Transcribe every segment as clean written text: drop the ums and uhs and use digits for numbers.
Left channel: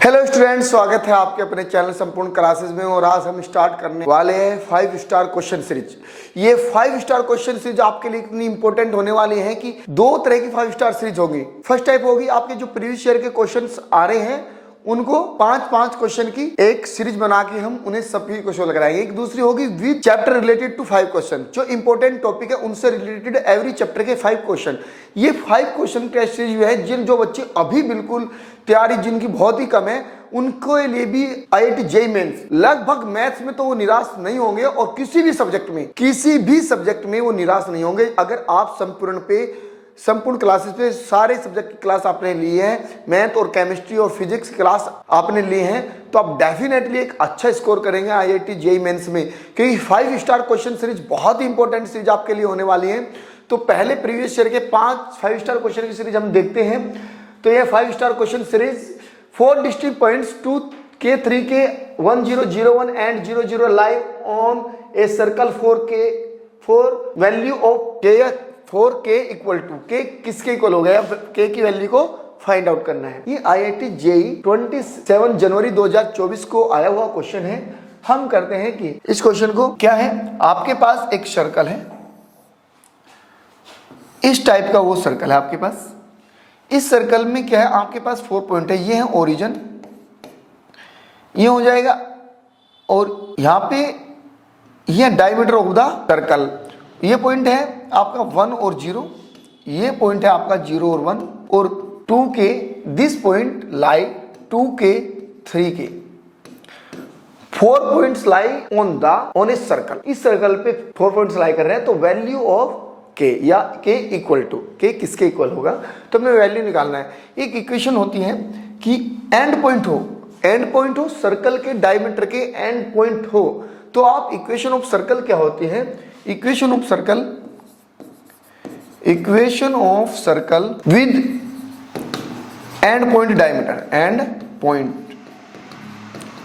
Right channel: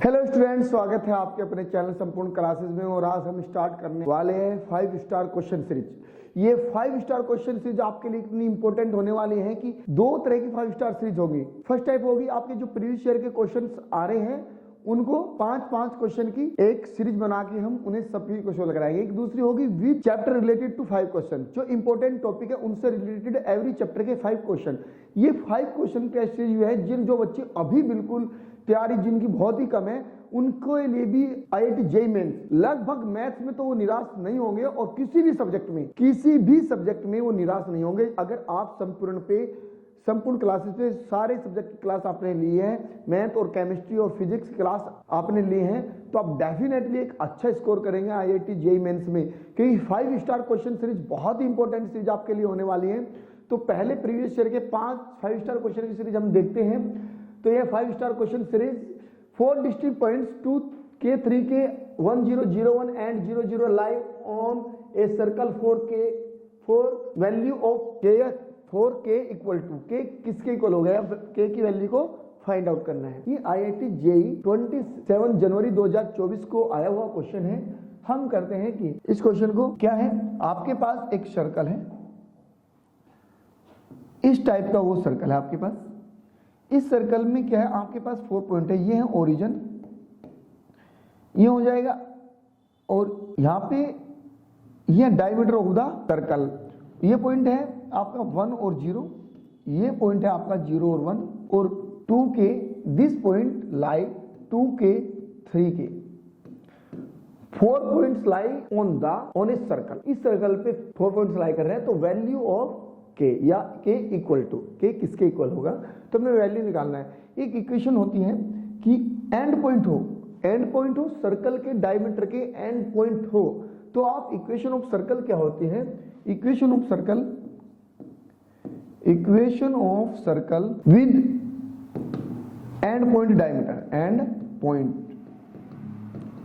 Hello students, स्वागत है आपके अपने चैनल संपूर्ण क्लासेस में। और आज हम स्टार्ट करने वाले हैं 5 स्टार क्वेश्चन सीरीज। ये 5 स्टार क्वेश्चन सीरीज आपके लिए इतनी इंपॉर्टेंट होने वाली है कि दो तरह की 5 स्टार सीरीज होगी। फर्स्ट टाइप होगी आपके जो प्रीवियस ईयर के क्वेश्चंस आ रहे हैं उनको 5-5 क्वेश्चन की एक सीरीज बना के हम उन्हें सभी को सोल्व कराएंगे। एक दूसरी होगी with chapter related to 5 question, जो इंपॉर्टेंट टॉपिक है उनसे रिलेटेड एवरी चैप्टर के 5 क्वेश्चन। ये 5 क्वेश्चन का सीरीज है जो बच्चे अभी बिल्कुल तैयारी जिनकी बहुत ही कम है उनके लिए भी IIT JEE मेंस लगभग मैथ्स में तो वो निराश नहीं होंगे और किसी भी सब्जेक्ट में वो निराश नहीं होंगे। अगर आप संपूर्ण क्लासेस पे सारे सब्जेक्ट की क्लास आपने ली है, मैथ और केमिस्ट्री और फिजिक्स की क्लास आपने ली है, तो आप डेफिनेटली एक अच्छा स्कोर करेंगे IIT JEE मेंस में, क्योंकि 5 स्टार क्वेश्चन सीरीज बहुत ही इंपॉर्टेंट सीरीज आपके लिए होने वाली है। तो पहले प्रीवियस ईयर के 5 स्टार क्वेश्चन की सीरीज हम देखते हैं। तो ये 5 star question series 4 distinct points 2K 3K 1001 and 00 lie on a circle 4K for value of K 4K equal to K किसके इक्वल हो गया, K की वैल्यू को फाइंड आउट करना है। ये IIT JEE 27 जनवरी 2024 को आया हुआ क्वेश्चन है। हम करते हैं कि इस क्वेश्चन को क्या है, आपके पास एक सर्कल है, इस टाइप का वो सर्कल है आपके पास। इस सर्कल में क्या है, आपके पास 4 पॉइंट है, ये है ओरिजिन, ये हो जाएगा, और यहाँ पे ये डायमीटर ऑफ द सर्कल। ये पॉइंट है आपका 1 और 0, ये पॉइंट है आपका 0 और 1, और 2K this point lie 2K 3K 4 points lie on a circle. इस सर्कल पे 4 पॉइंट्स लाई कर रहे हैं, तो वैल्यू ऑफ K या K इक्वल टू K किसके इक्वल होगा, तो हमें वैल्यू निकालना है। एक इक्वेशन होती है कि एंड पॉइंट हो सर्कल के डायमीटर के एंड पॉइंट हो, तो आप इक्वेशन ऑफ सर्कल क्या होती है, equation of circle with and point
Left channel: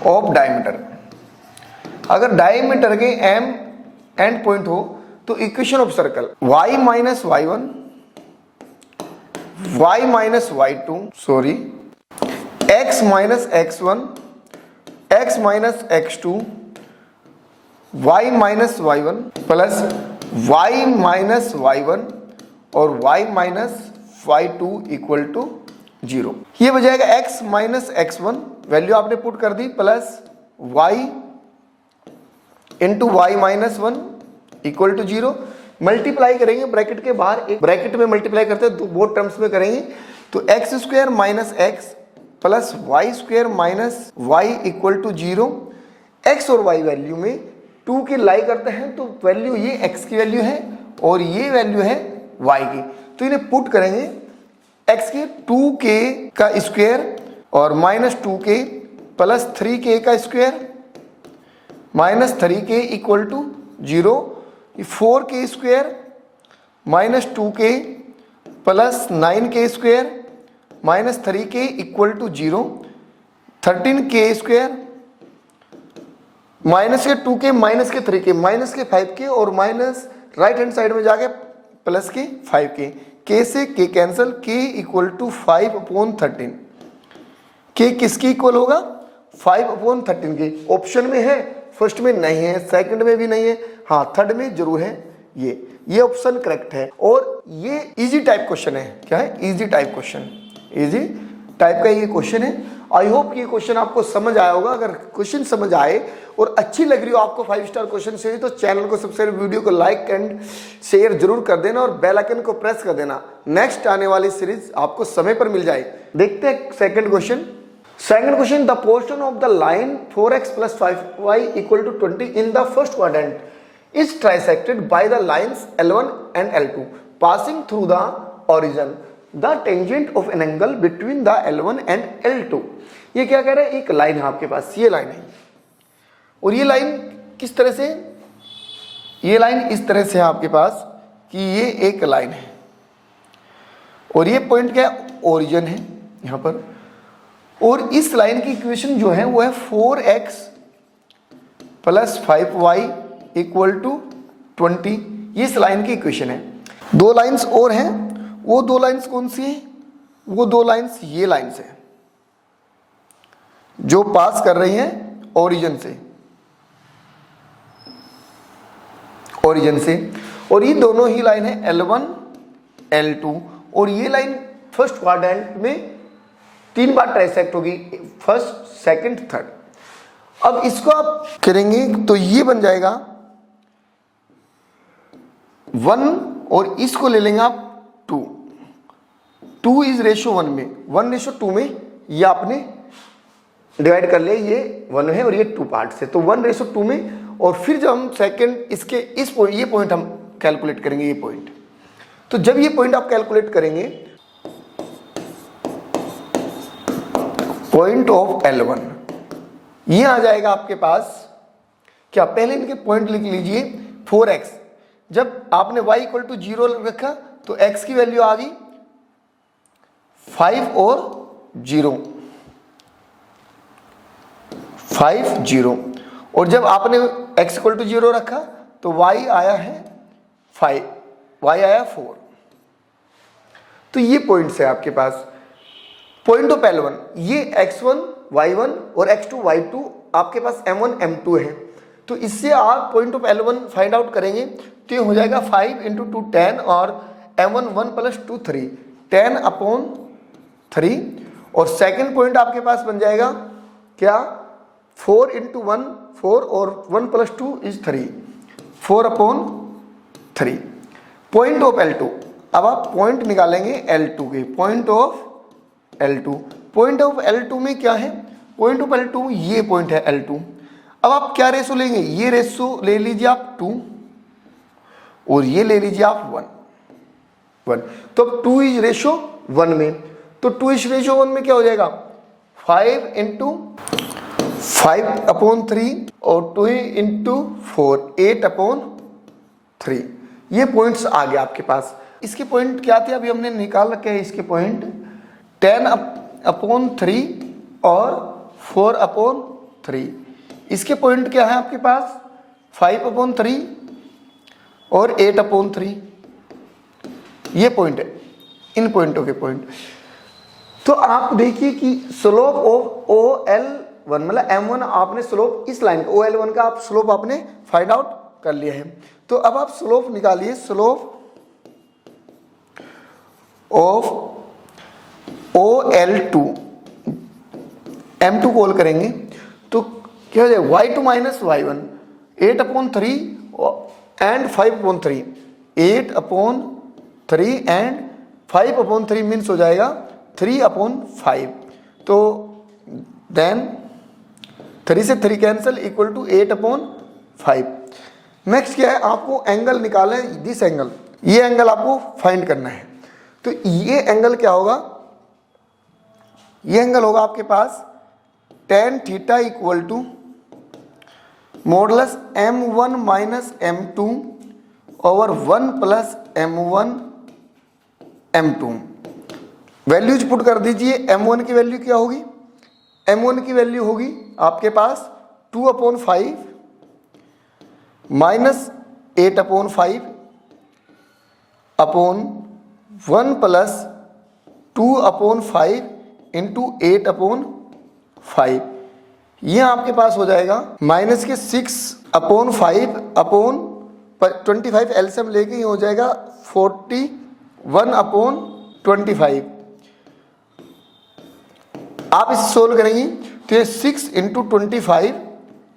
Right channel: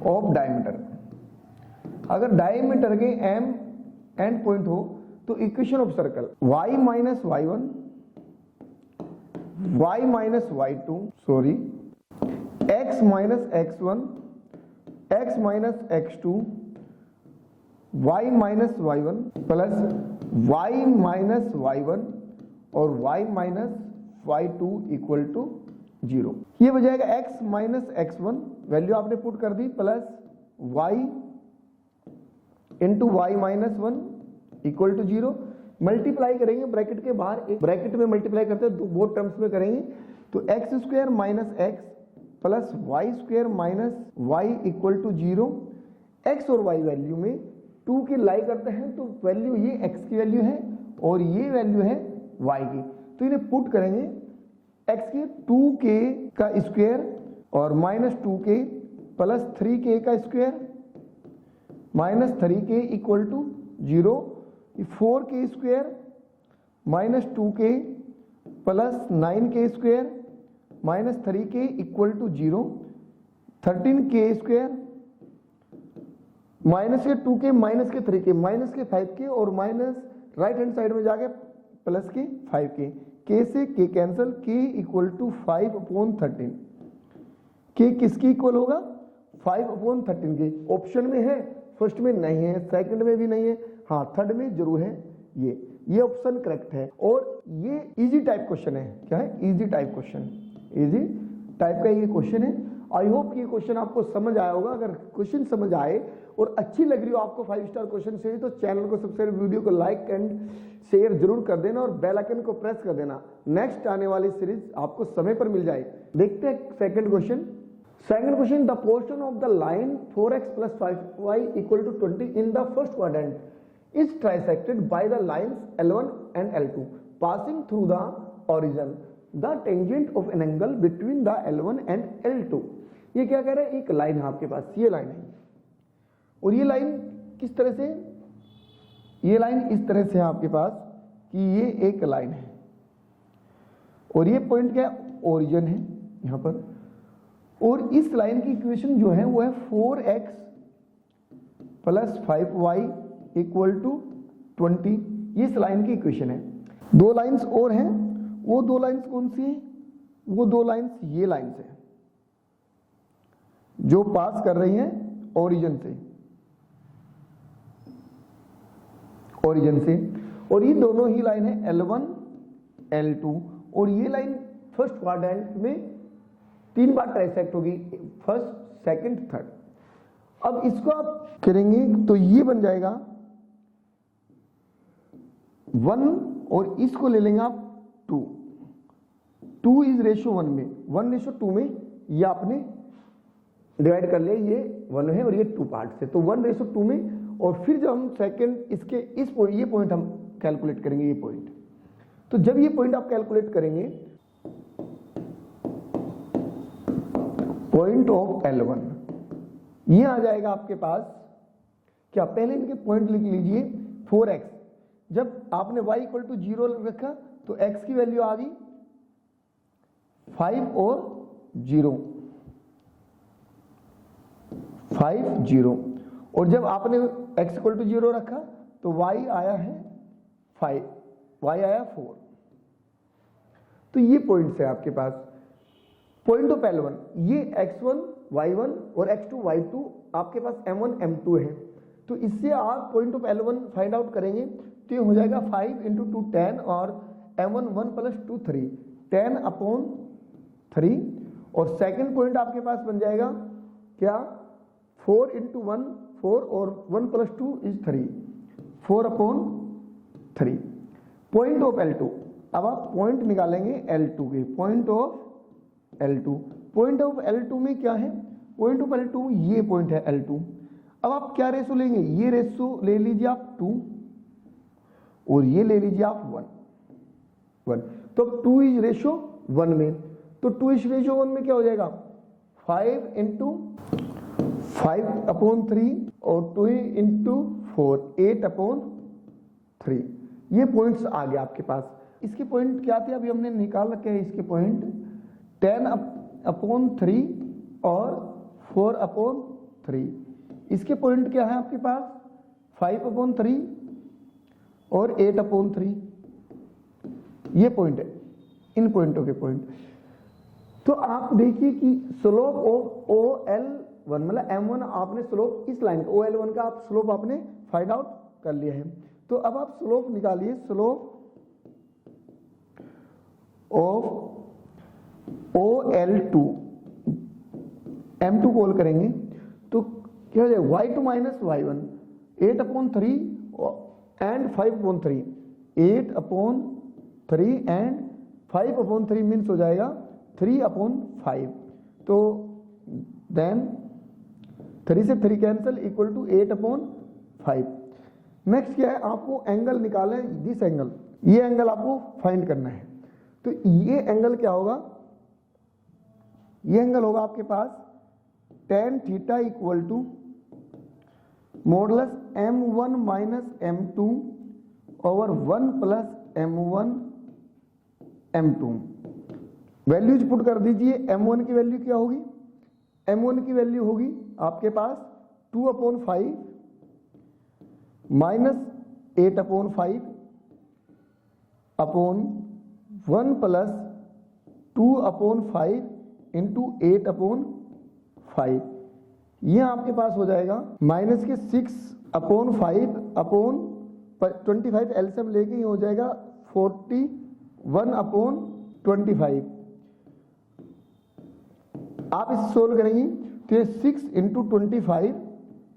of diameter. अगर डायमीटर के एंड पॉइंट हो तो equation of circle y minus y1 y minus y2 x minus x1 x minus x2 y minus y1 plus y minus y1 और y minus y2 equal to 0। ये हो जाएगा x minus x1 value आपने put कर दी, plus y into y minus 1 equal to 0। Multiply करेंगे bracket के बाहर, एक ब्रैकेट में मल्टीप्लाई करते हैं, दो टर्म्स में करेंगे, तो X square minus X plus Y square minus Y equal to 0। X और वाई वैल्यू में 2 की लाई करते हैं, तो वैल्यू ये एक्स की वैल्यू है और ये वैल्यू है वाई की, तो इन्हें पुट करेंगे एक्स के 2K का स्क्वायर और माइनस 2K प्लस 3K का square minus 3K equal to 0। 4K square minus 2K plus 9K square minus 3K equal to 0। 13K square minus K 2K minus के 3K minus के 5K और minus right hand side में जाके plus के 5K, K से K cancel, K equal to 5/13। K किसकी equal होगा, 5/13 के। ऑप्शन में है, फर्स्ट में नहीं है, सेकंड में भी नहीं है, हाँ थर्ड में जरूर है। ये ऑप्शन करेक्ट है। और ये इजी टाइप क्वेश्चन है। क्या है, easy type question, easy type का ये क्वेश्चन है। आई होप कि ये क्वेश्चन आपको समझ आया होगा। अगर क्वेश्चन समझ आए और अच्छी लग रही हो आपको 5 स्टार क्वेश्चन से, तो चैनल को सब्सक्राइब, वीडियो को लाइक एंड शेयर जरूर कर देना और बेल आइकन को प्रेस कर देना, नेक्स्ट आने वाली सीरीज आपको समय पर मिल जाए। देखते हैं second question. Second question, the portion of the line 4x plus 5y equal to 20 in the first quadrant is trisected by the lines L1 and L2 passing through the origin. The tangent of an angle between the L1 and L2. ये क्या कह रहा है, एक line है आपके पास, ये line है, और ये लाइन किस तरह से, ये लाइन इस तरह से है आपके पास कि ये एक लाइन है और ये पॉइंट क्या है, ओरिजिन है यहाँ पर, और इस लाइन की इक्वेशन जो है वो है 4x plus 5y equal to 20। ये इस लाइन की इक्वेशन है। दो लाइंस और हैं, वो दो लाइंस कौन सी है, वो दो लाइंस ये लाइंस है, जो पास कर रही हैं ओरिजिन से, ओरिजिन से। और ये दोनों ही लाइन है L1 L2, और ये लाइन फर्स्ट क्वाड्रेंट में 3 बार ट्राइसेक्ट होगी, फर्स्ट सेकंड थर्ड। अब इसको आप करेंगे तो ये बन जाएगा 1, और इसको ले लेंगे आप 2। 2 इज रेशो 1 में, 1:2 में ये आपने डिवाइड कर लिया, ये 1 है और ये 2 पार्ट से, तो 1:2 में। और फिर जब हम सेकंड इसके इस पॉइंट, ये पॉइंट हम कैलकुलेट करेंगे, ये पॉइंट। तो जब ये पॉइंट आप कैलकुलेट करेंगे, पॉइंट ऑफ L1 ये आ जाएगा आपके पास क्या, पहले इनके पॉइंट लिख लीजिए 4x। जब आपने y = 0 रखा तो x की वैल्यू आ गई 5 और 0, 5 0। और जब आपने x = 0 रखा तो y आया है 5, y आया 4। तो ये पॉइंट्स है आपके पास, पॉइंट ऑफ L1। ये x1 y1 और x2 y2 आपके पास m1 m2 है। तो इससे आप point of L1 find out करेंगे तो ये हो जाएगा 5 × 2 10, और m1 1 + 2 3, 10/3। और सेकंड पॉइंट आपके पास बन जाएगा क्या, 4 × 1 4, और 1 + 2 = 3, 4/3। पॉइंट ऑफ L2, अब आप पॉइंट निकालेंगे L2 के, point of L2। Point of L2 में क्या है, पॉइंट ऑफ L2 ये पॉइंट है L2। अब आप क्या रेशो लेंगे, ये रेशो ले लीजिए आप 2, और ये ले लीजिए आप 1। तो अब 2 इज रेशो 1 में, तो 2 इज रेशो 1 में क्या हो जाएगा, 5 × 5/3, और 2 × 4 8/3। ये पॉइंट्स आ गया आपके पास। इसके पॉइंट क्या थे, अभी हमने निकाल रखे हैं इसके पॉइंट, 10/3 और 4/3। इसके पॉइंट क्या है आपके पास, 5/3 और 8/3। ये पॉइंट है, इन पॉइंटों के पॉइंट। तो आप देखिए कि स्लोप ऑफ OL1 मतलब M1, आपने स्लोप इस लाइन का OL1 का आप स्लोप आपने फाइंड आउट कर लिया है। तो अब आप स्लोप निकालिए, slope of OL2, M2 call करेंगे तो क्या हो जाएगा, y2 - y1, 8/3 and 5/3, 8/3 and 5/3 means हो जाएगा 3/5। तो देन 3 से 3 कैंसिल, = 8/5। नेक्स्ट क्या है, आपको एंगल निकालना है, दिस एंगल, ये एंगल आपको फाइंड करना है। तो ये एंगल क्या होगा, ये एंगल होगा आपके पास tan θ = modulus M1 - M2 over 1 + M1 M2। Values put कर दीजिए। M1 की वैल्यू क्या होगी, M1 की वैल्यू होगी आपके पास 2/5 -8/5 अपॉन 1 + 2/5 × 8/5। ये आपके पास हो जाएगा -6/5 अपॉन 25 एलसीएम लेके ये हो जाएगा 41/25। आप इसे सोल्व करेंगे तो ये 6 × 25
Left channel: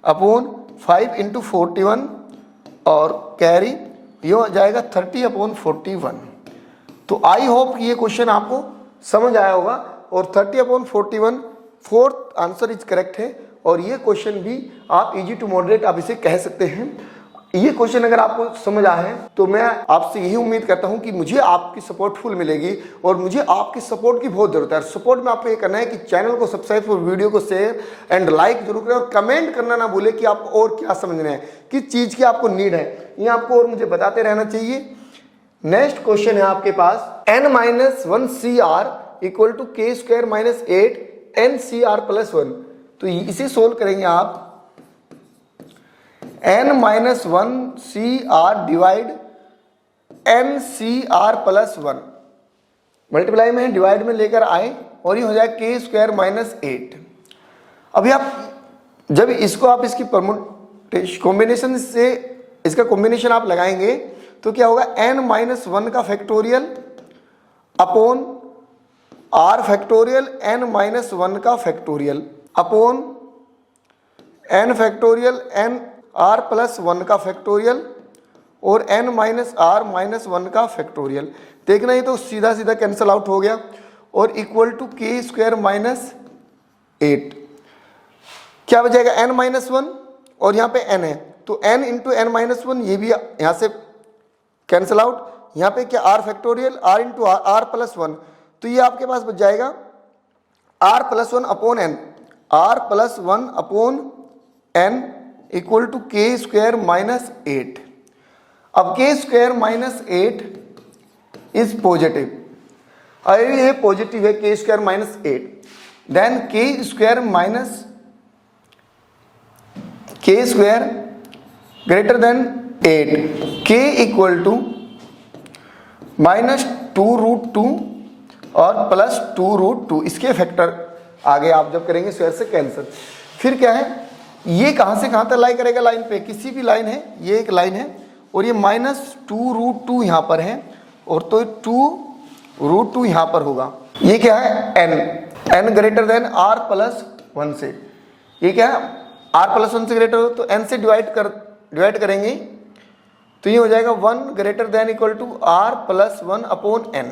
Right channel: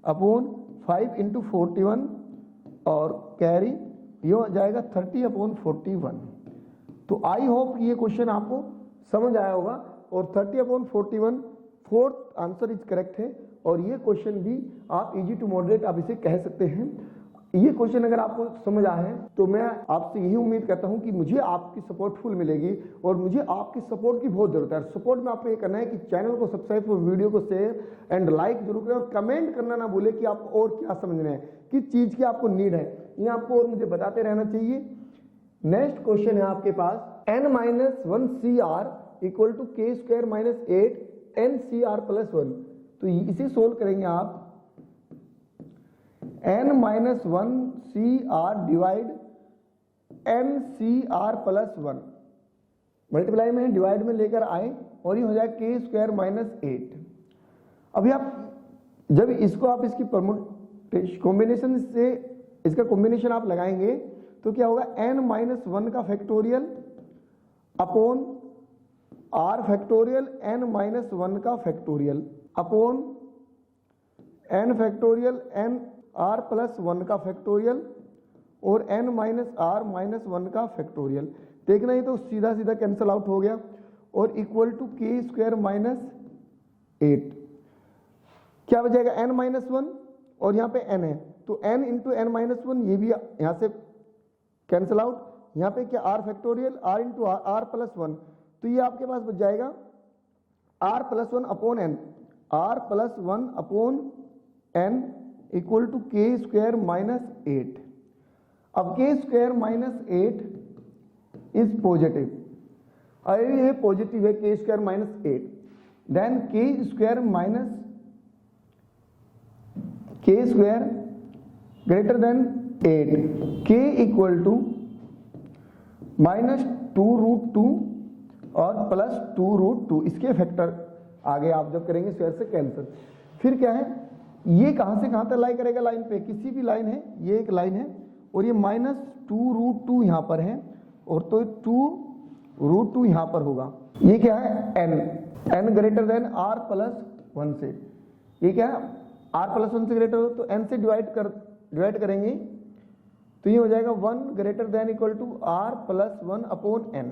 अपॉन 5 × 41 और कैरी ये हो जाएगा 30/41। तो आई होप ये क्वेश्चन आपको समझ आया होगा, और 30/41 फोर्थ आंसर इज करेक्ट है। और ये क्वेश्चन भी आप इजी टू मॉडरेट आप इसे कह सकते हैं। ये क्वेश्चन अगर आपको समझ आए हैं तो मैं आपसे यही उम्मीद करता हूं कि मुझे आपकी सपोर्ट फुल मिलेगी, और मुझे आपकी सपोर्ट की बहुत जरूरत है। सपोर्ट में आपको ये करना है कि चैनल को सब्सक्राइब और वीडियो को शेयर एंड लाइक जरूर करें, और कमेंट करना ना भूलें कि आपको और क्या समझना है, किस चीज़ की आपको नीड है, ये आपको और मुझे बताते रहना चाहिए। नेक्स्ट क्वेश्चन है आपके पास n-1CR = k² - 8 NCR + 1। तो इसे सोल्व करेंगे आप, n-1CR डिवाइड NCR + 1, मल्टीप्लाई में डिवाइड में लेकर आए और ये हो जाए k² - 8। अभी आप जब इसको आप इसकी परमुटेशन कॉम्बिनेशन से इसका कॉम्बिनेशन आप लगाएंगे तो क्या होगा, n-1 का factorial upon r factorial n-1 का factorial upon n factorial n r plus 1 का फैक्टोरियल और n-r-1 का फैक्टोरियल। देखना ही तो सीधा सीधा कैंसिल आउट हो गया और equal to k square minus 8। क्या बचेगा, n-1 और यहाँ पे n है तो n इंटू n-1, ये भी यहाँ से कैंसिल आउट। यहाँ पे क्या r factorial r into r plus 1, तो ये आपके पास बच जाएगा r plus 1 upon n, r plus 1 upon n equal to k square minus 8। अब k square minus 8 is positive, अगर ये पॉजिटिव है k square minus 8, then k square greater than 8, k equal to minus 2√2 और plus 2√2, इसके factor आगे आप जब करेंगे स्क्वायर से कैंसिल। फिर क्या है, ये कहाँ से कहाँ तक लाई करेगा, लाइन पे किसी भी लाइन है, ये एक लाइन है और ये माइनस 2√2 यहाँ पर है और तो 2√2 यहाँ पर होगा। ये क्या है, n greater than r plus 1 से, ये क्या है r प्लस 1 से ग्रेटर हो तो n से डिवाइड करेंगे तो ये हो जाएगा 1 greater than equal to r plus 1 upon n।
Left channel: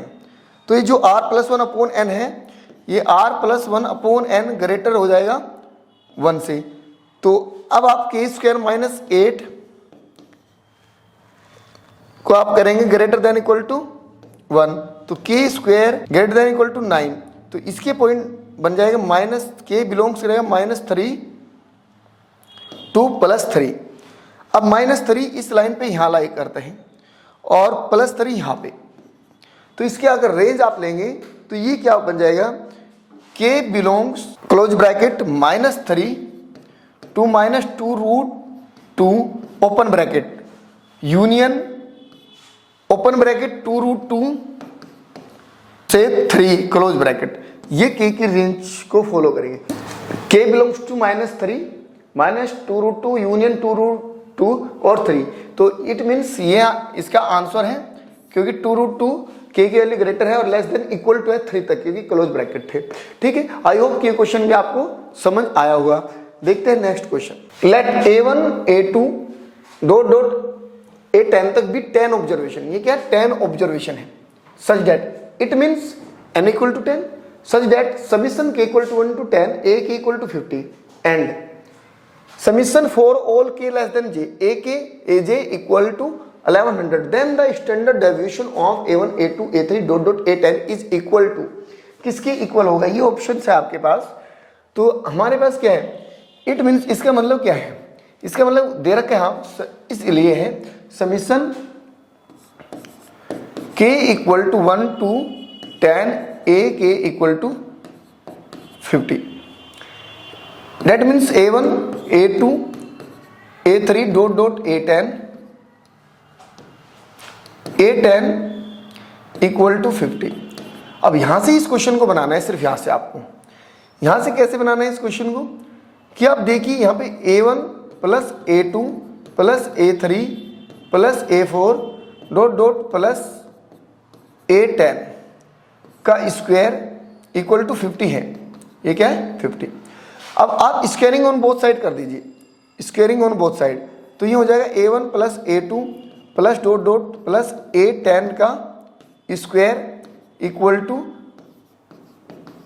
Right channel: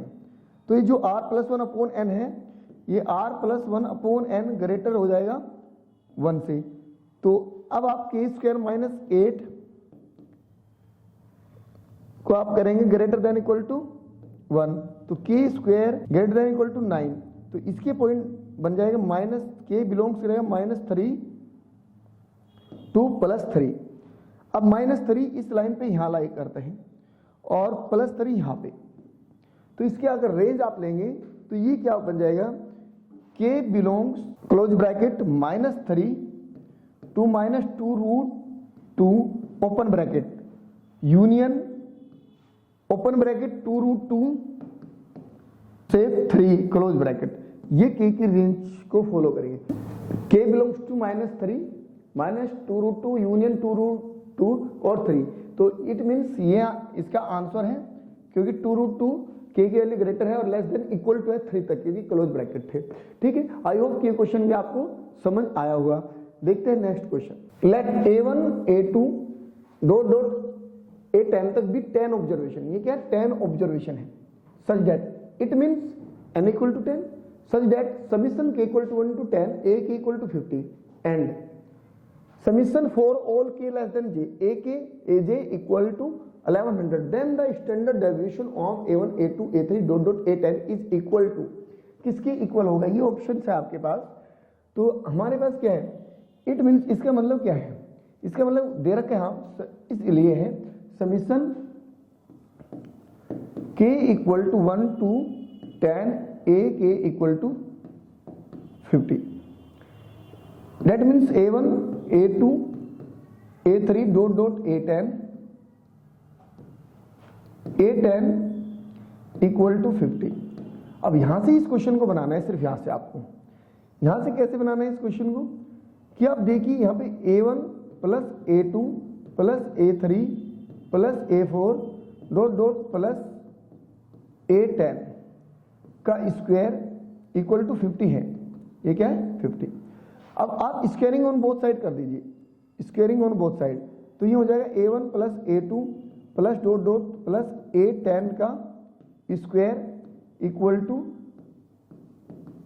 तो ये जो r प्लस 1 अपॉन n है, ये r plus 1 upon n greater हो जाएगा 1 से। तो अब आप k स्क्वायर माइनस 8 को आप करेंगे ग्रेटर देन इक्वल टू 1, तो k square greater than equal to 9, तो इसके पॉइंट बन जाएगा माइनस k बिलोंग्स करेगा -3 टू +3। अब -3 इस लाइन पे यहाँ लाई करते हैं और +3 यहाँ पे, तो इसके अगर रेंज आप लेंगे तो ये क्या बन जाएगा, k belongs close bracket -3 to -2√2 open bracket union open bracket 2√2 से 3 क्लोज ब्रैकेट, ये k की रेंज को फॉलो करेंगे। k बिलोंग्स टू -3 -2√2 यूनियन 2√2 और 3, तो इट मीन्स ये इसका आंसर है क्योंकि 2√2 k की वैल्यू ग्रेटर है और लेस देन इक्वल टू है 3 तक, क्योंकि क्लोज ब्रैकेट थे। ठीक है, आई होप कि ये क्वेश्चन भी आपको समझ आया होगा। देखते हैं next question. Let a1 a2 dot dot a10 तक भी 10 ऑब्जर्वेशन, ये क्या है 10 ऑब्जर्वेशन है, such that it means n equal to 10, such that summation k equal to 1 to 10, a k equal to 50 and summation for all k less than j, a k a j equal to 1100, then the standard deviation of a1 a2 a3 dot dot a10 is equal to, किसके equal होगा, ये option है आपके पास। तो हमारे पास क्या है, it means इसका मतलब क्या है, इसका मतलब दे रखा है हम इसलिए है summation k equal to 1 to 10, a k equal to 50, that means a1 a2 a3 dot dot a10 equal to 50। अब यहां से इस क्वेश्चन को बनाना है, सिर्फ यहां से आपको, यहां से कैसे बनाना है इस क्वेश्चन को, कि आप देखिए यहाँ पे a1 plus a2 plus a3 plus a4 dot dot plus a10 का स्क्वायर इक्वल टू 50 है, ये क्या है 50। अब आप स्क्वायरिंग ऑन बोथ साइड कर दीजिए, स्क्वायरिंग ऑन बोथ साइड, तो ये हो जाएगा a1 plus a2 plus dot dot plus a10 का स्क्वायर इक्वल टू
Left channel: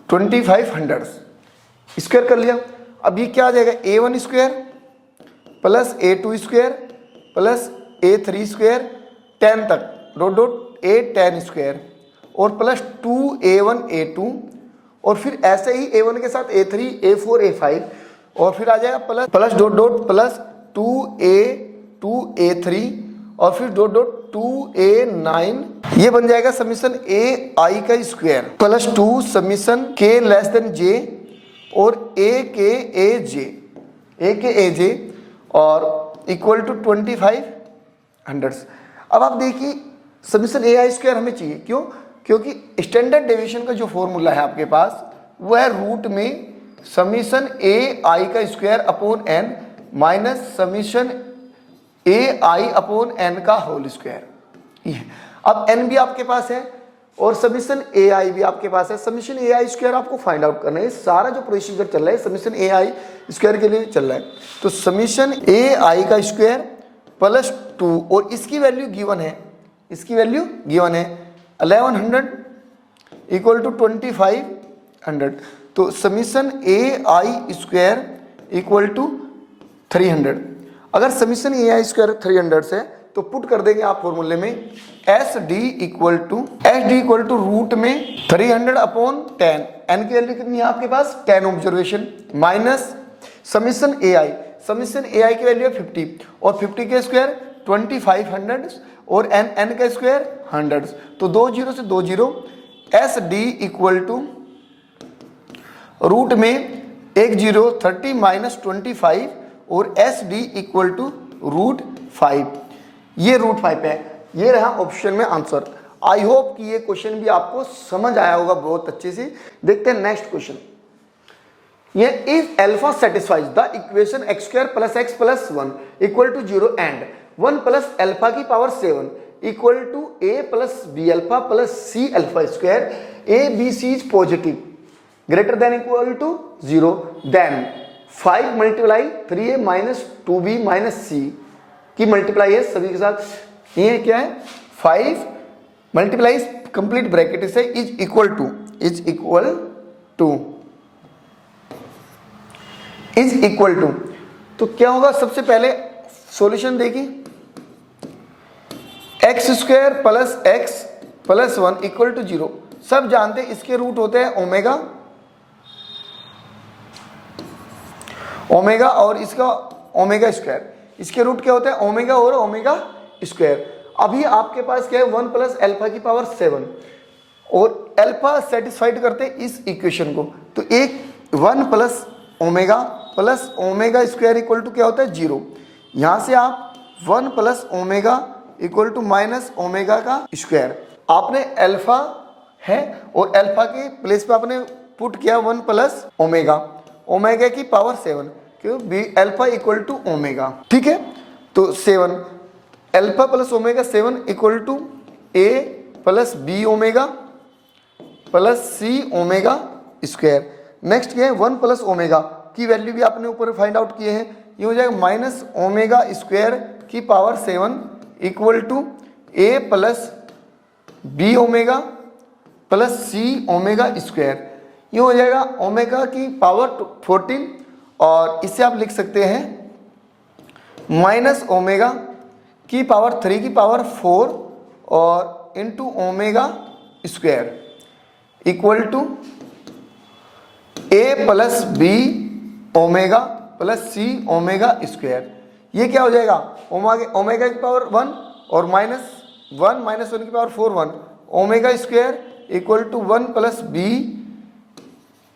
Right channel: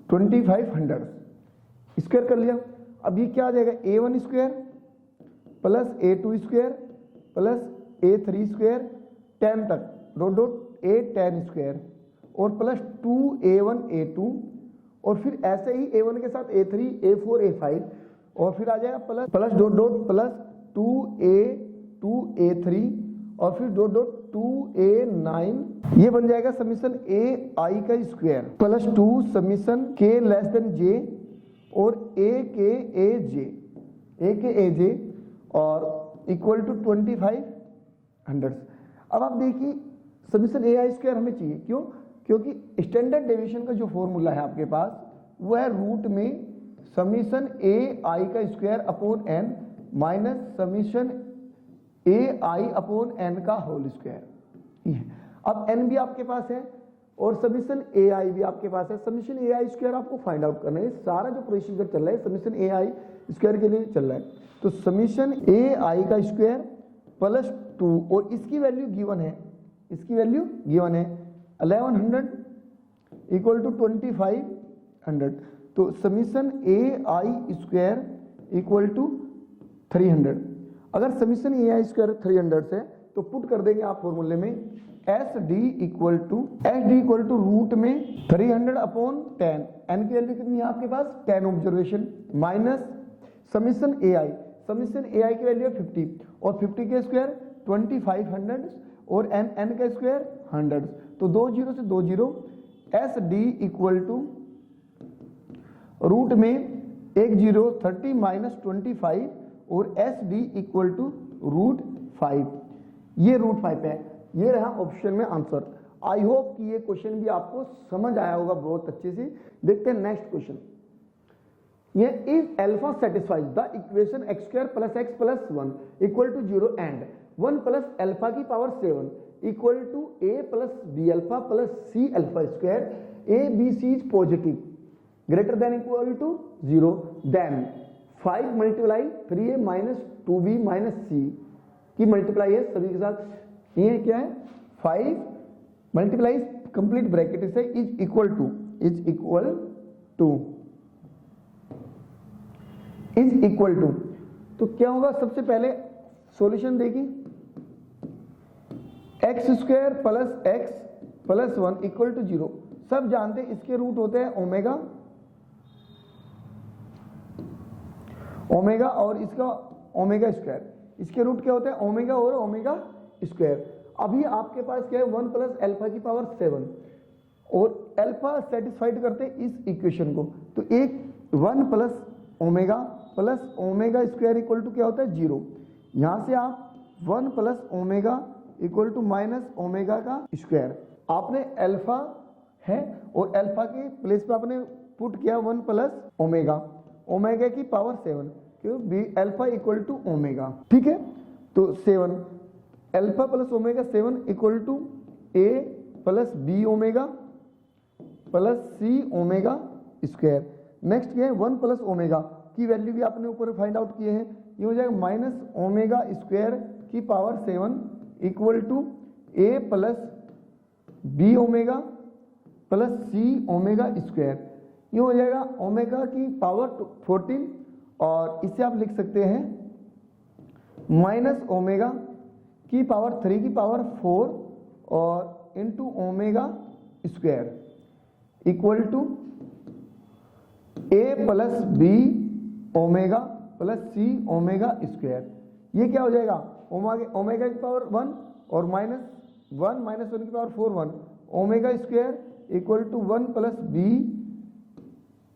2500 स्क्वायर कर लिया। अब ये क्या आ जाएगा a1 square plus a2 square plus a3 square 10 तक डॉट डॉट a10 स्क्वायर और प्लस 2a1 a2 और फिर ऐसे ही a1 के साथ a3 a4 a5 और फिर आ जाएगा plus plus dot dot plus 2a2 a3 और फिर डॉट डॉट 2a9, ये बन जाएगा समीशन ai का square plus 2 summation k less than j और a के a j और इक्वल टू 2500। अब आप देखिए समीशन ai स्क्वायर हमें चाहिए, क्यों, क्योंकि स्टैंडर्ड डेविएशन का जो फॉर्मूला है आपके पास वो है रूट में समीशन ए आई का square upon N minus summation A I upon N का होल स्क्वायर। अब एन भी आपके पास है और समीशन ए आई भी आपके पास है। समीशन ए आई स्क्वायर आपको फाइंड आउट करना है। सारा जो प्रोसीजर चल रहा है समीशन ए आई स्क्वायर के लिए चल रहा है। तो समीशन ए आई का स्क्वायर प्लस 2 और इसकी वैल्यू गिवन है, इसकी वैल्यू गिवन है 1100 इक्वल टू 2500। तो summation A i square equal to 300। अगर समीशन ए आई स्क्वायर 300 से तो पुट कर देंगे आप फॉर्मूले में S D equal to root में 300 अपॉन 10। एन की वैल्यू कितनी है आपके पास 10 ऑब्जर्वेशन माइनस समीशन ए आई की वैल्यू है 50 और 50 के स्क्वायर 2500 और एन का स्क्वायर 100। तो 2 0 से 2 0 S D equal to root में 1 0 30 माइनस 25 और S D equal to root 5। ये रूट 5 है। ये रहा ऑप्शन में आंसर। आई होप कि ये क्वेश्चन भी आपको समझ आया होगा बहुत अच्छे से। देखते हैं नेक्स्ट क्वेश्चन। ये if alpha satisfies the equation X square plus x plus 1 equal to 0 and 1 plus alpha की power 7 equal to A plus B alpha plus C alpha square A B C is positive greater than equal to 0 then 5 multiply 3a minus 2b minus c की multiply है सभी के साथ। ये क्या है 5 multiply complete bracket से is equal to तो क्या होगा सबसे पहले सॉल्यूशन देखिए x square plus x plus 1 equal to 0। सब जानते हैं इसके रूट होते हैं ओमेगा और इसका ओमेगा स्क्वायर। इसके रूट क्या होते हैं ओमेगा और ओमेगा स्क्वायर। अभी आपके पास क्या है 1 प्लस अल्फा की पावर 7 और अल्फा सेटिस्फाइड करते हैं इस इक्वेशन को। तो एक 1 plus omega square equal to क्या होता है 0। यहां से आप 1 plus omega equal to minus omega का स्क्वायर। आपने अल्फा है और अल्फा के प्लेस पे आपने पुट किया 1 प्लस ओमेगा की पावर 7 क्यों be alpha equal to omega. ठीक है तो 7 alpha plus omega 7 equal to A plus b omega plus c omega square. Next क्या है 1 प्लस ओमेगा की वैल्यू भी आपने ऊपर फाइंड आउट किए हैं। ये हो जाएगा माइनस ओमेगा स्क्वायर की power 7 equal to A plus b omega plus c omega square. ये हो जाएगा ओमेगा की पावर 14 और इसे आप लिख सकते हैं माइनस ओमेगा की पावर 3 की पावर 4 और into omega square equal to A plus b omega plus c omega square. ये क्या हो जाएगा ओमेगा की पावर 1 और माइनस 1 की power 4 1 omega square equal to 1 plus b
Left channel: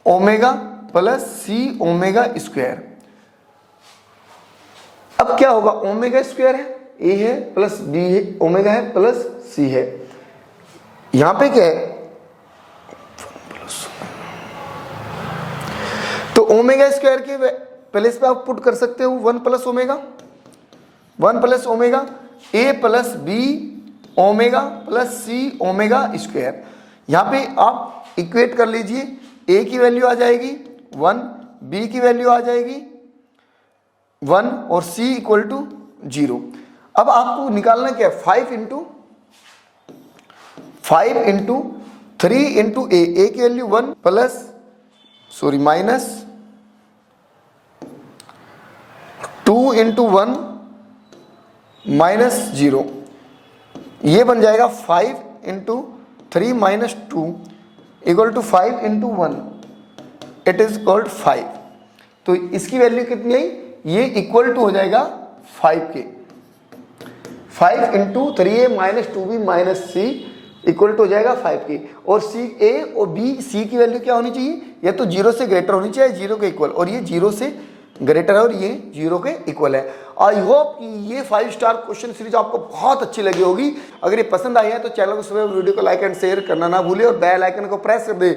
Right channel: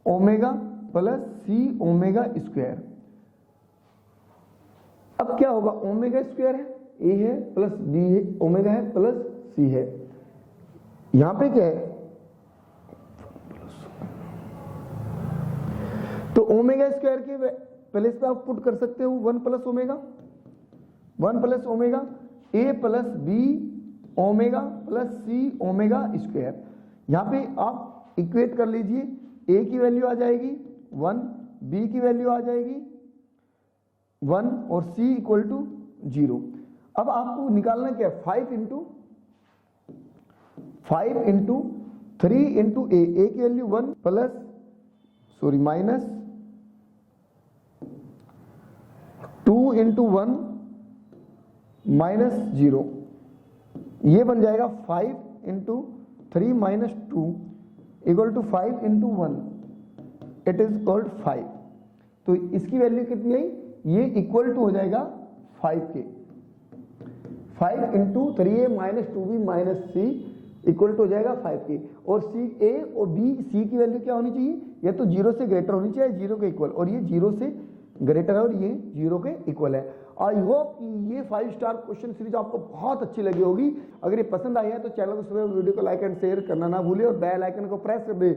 omega plus c omega square. अब क्या होगा ओमेगा स्क्वायर है ए है प्लस बी है ओमेगा है प्लस सी है। यहां पे क्या है तो ओमेगा स्क्वायर के प्लेस पे आप पुट कर सकते हो 1 plus omega a plus b omega plus c omega square. यहां पे आप इक्वेट कर लीजिए ए की वैल्यू आ जाएगी 1 बी की वैल्यू आ जाएगी 1 और सी इक्वल टू 0। अब आपको निकालना क्या है 5 इंटू 3 इंटू ए की value 1 plus minus 2 into 1 minus 0। ये बन जाएगा 5 into 3 minus 2 equal to 5 into 1 it is called 5। तो इसकी वैल्यू कितनी आई ये इक्वल टू हो जाएगा 5 के 5 into 3a minus 2b minus c equal to हो जाएगा 5 के। और सी ए और बी सी की वैल्यू क्या होनी चाहिए या तो 0 से ग्रेटर होनी चाहिए 0 के इक्वल और ये 0 से ग्रेटर है और ये 0 के इक्वल है। आई होप कि ये 5 स्टार क्वेश्चन सीरीज आपको बहुत अच्छी लगी होगी। अगर ये पसंद आई है तो चैनल को सब्सक्राइब वीडियो को लाइक एंड शेयर करना ना भूले और बेल आइकन को प्रेस कर दे